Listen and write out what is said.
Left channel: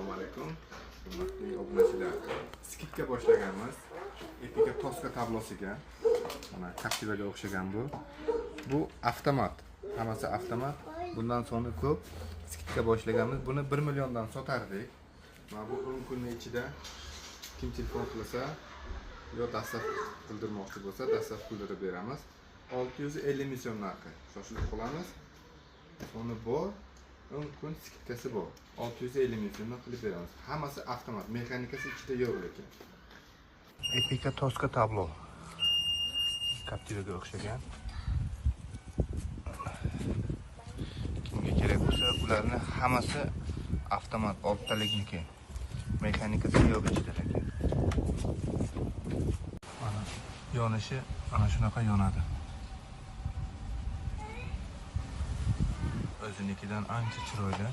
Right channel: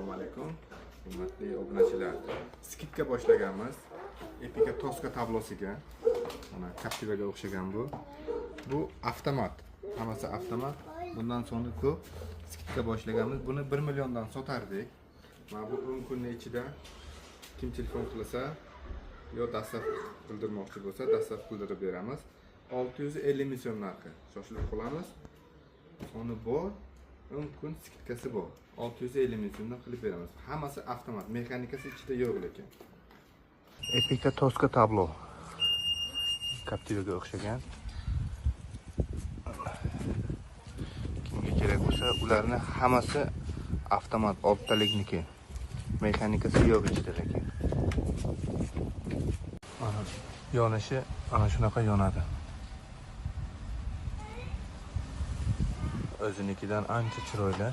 Assalomu alaykum. Hurmatli obunachilar. Skidga boshlaganmiz. Epica Tosca tablosiga. Mana Captivaga o'xshagan bu. Bu avtomat. Hammasi avtomat. Bundan so'ng ko'p skidga boshlaganmiz. Buni 1 milliondan sotardik. Mana bu 10 kunning ichida kim telefon qilsa yo dastlab qildirmoqchi bo'lsa, dastlab qildirib beramiz. 650 ming so'm narxi. Shoshilib qolamiz. Soni bor. 10 kun skidkasi bor. 650 ming so'mdan qilib beramiz. Hammasi avtomat, mexanikasi ichida yo'q lekin. Epica Tosca tablo. Captivaga o'xshagan. Kerak bo'lsa, ularni hammasi avtomat, oltilikniki. Mexanikasi yo'q ichida. Yonishi ana shunaqa yonadi. O'zinikidan ancha chiroyli.